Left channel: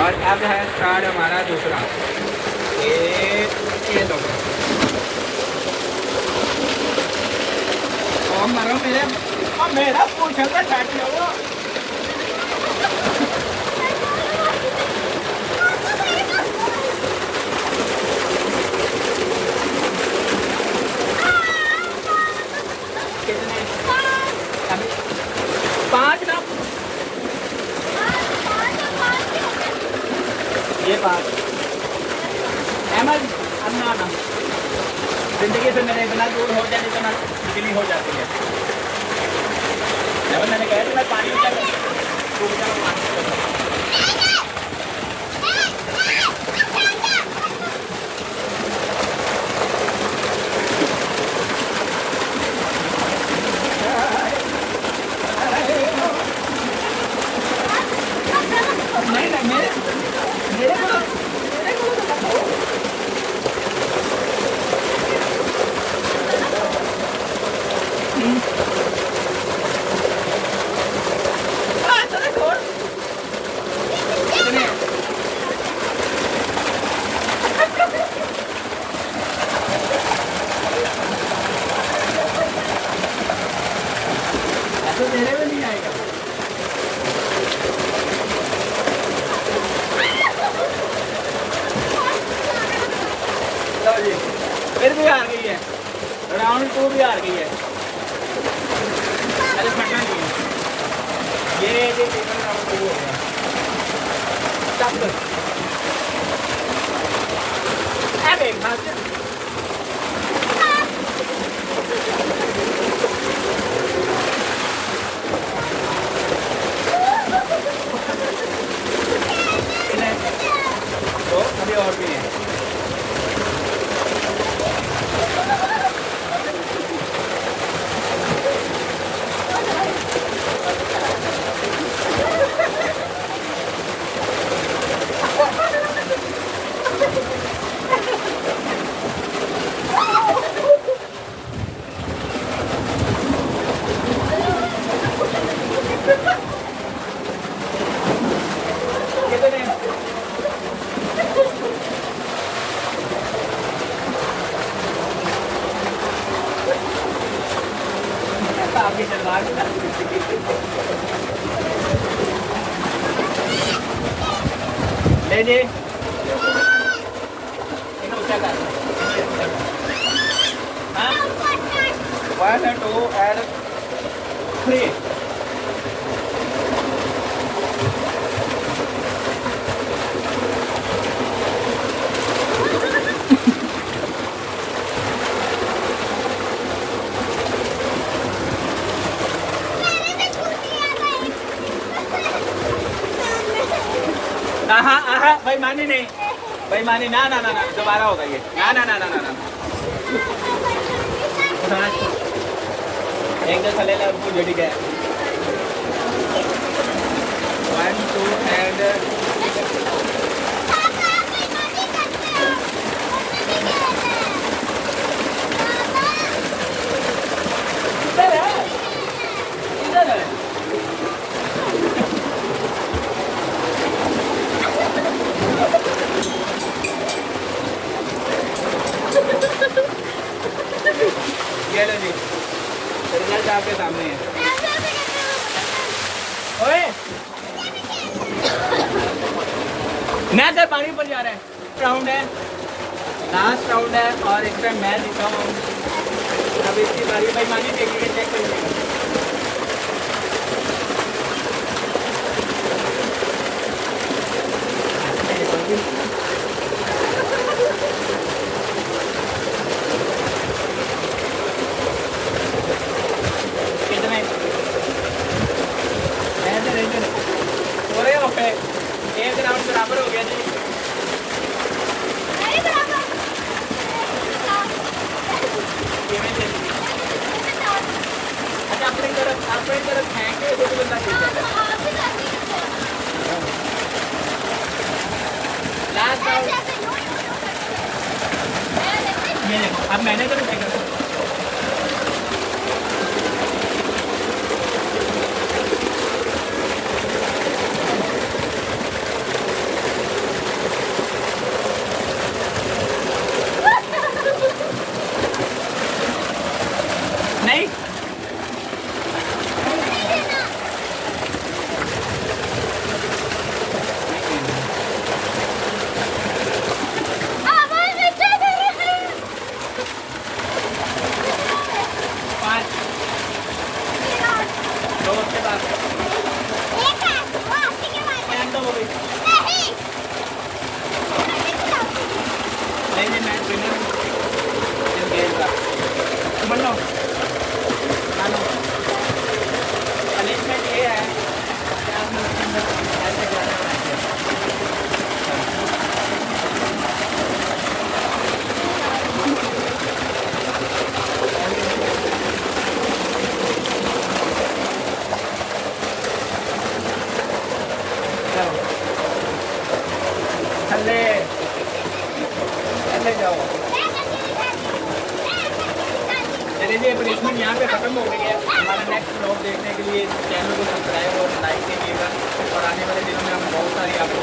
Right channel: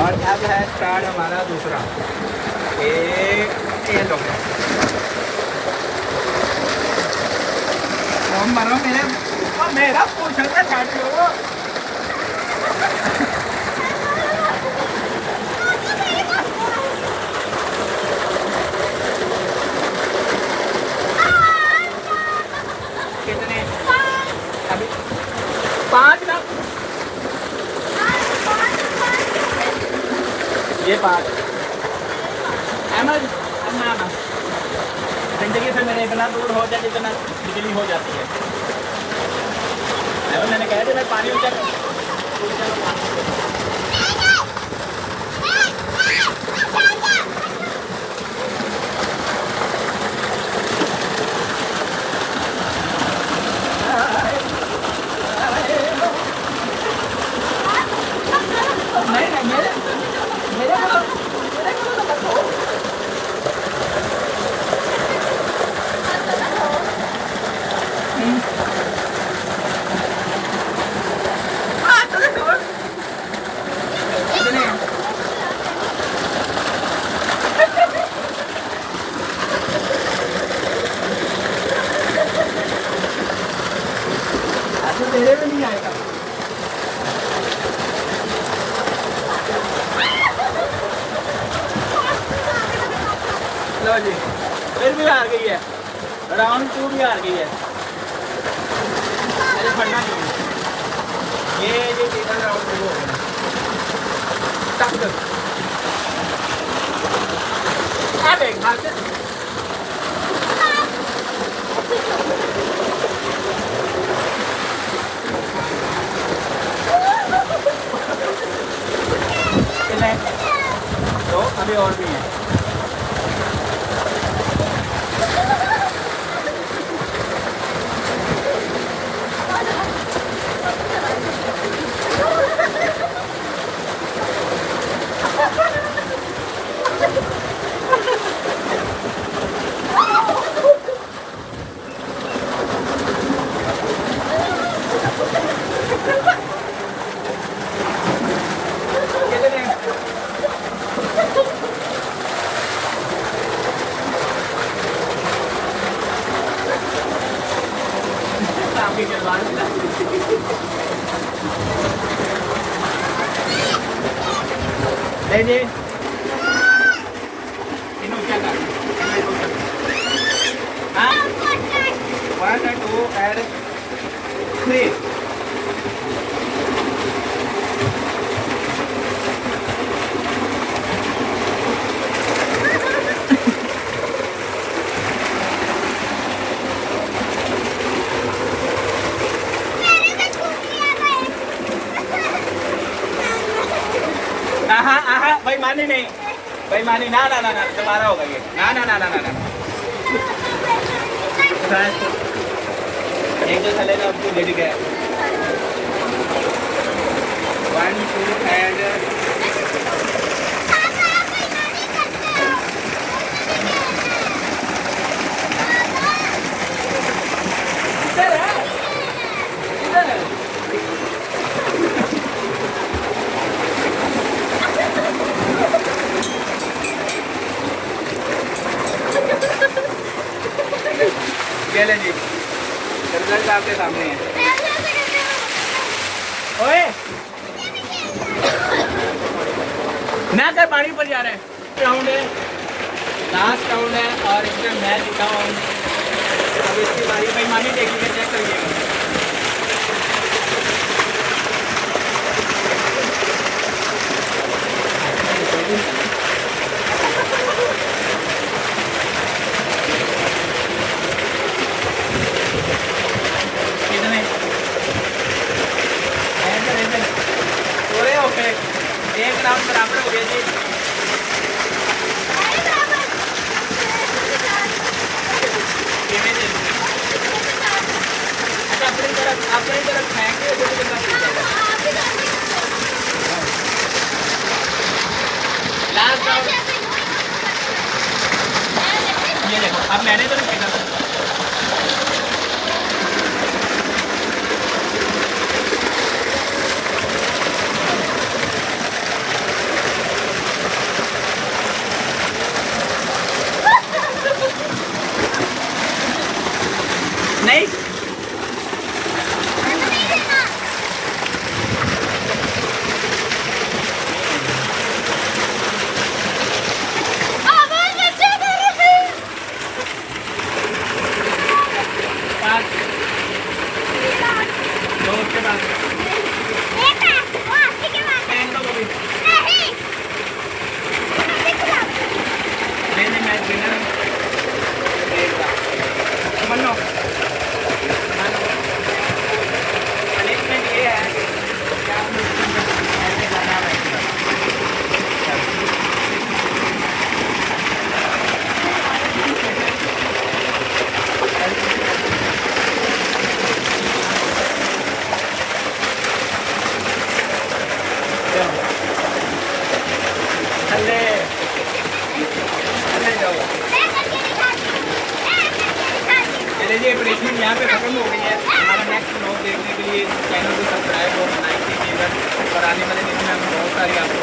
और अब है स्टार्ट हमारा दूसरा। ये लो तो मरो मेरा पूछा था छाटे हो। कितने अभी 5 ना ये 5 अहमद अब ना आना जिंदगी से मेरे इतना दूर हो जाए जितना बिजली हो जाती है। मैंने कहा था मैं पानी ऊंचा पानी तो तेरे में नहीं आएगा। लो जी फिर भी हार गई है, राउंड 2 भी हार गई है। अरे फटना चाहिए ये टिकट राउंड 2 हो गया। स्टॉप कर अरे खाते तो अभी और भी हैं। ले जी इन्हों क्या कर हाँ 1 2 and 3 भाई मानी नहीं भाई मानी ना ना ना ना दोबारा होगा ये ना ना ना ना ना ना एक जगह लेना आपको लेडी गया 1 2 and जी रिजल्ट आपके सामने है। ओए मैं तो पानी पर जा रहा है। राउंड है लास्ट राउंड है और इसमें मैं जीता हूँ। अब इसकी बारी भाई मानी देख लीजिए चेक करिएगा। एक राउंड बराबर हो गया जी। अच्छा अपनी तरफ फेंके तो लास्ट राउंड ये देखो अब मैंने तो रुक चले चले जाओ। चले जी, प्लेसमेंट यहाँ पे ख़त्म हो गई है। हमारा नेक्स्ट ब्लॉग देखने के लिए चैनल को सब्सक्राइब और लाइक कीजिएगा और आने वाले दिनों में हम बहुत सारी आपको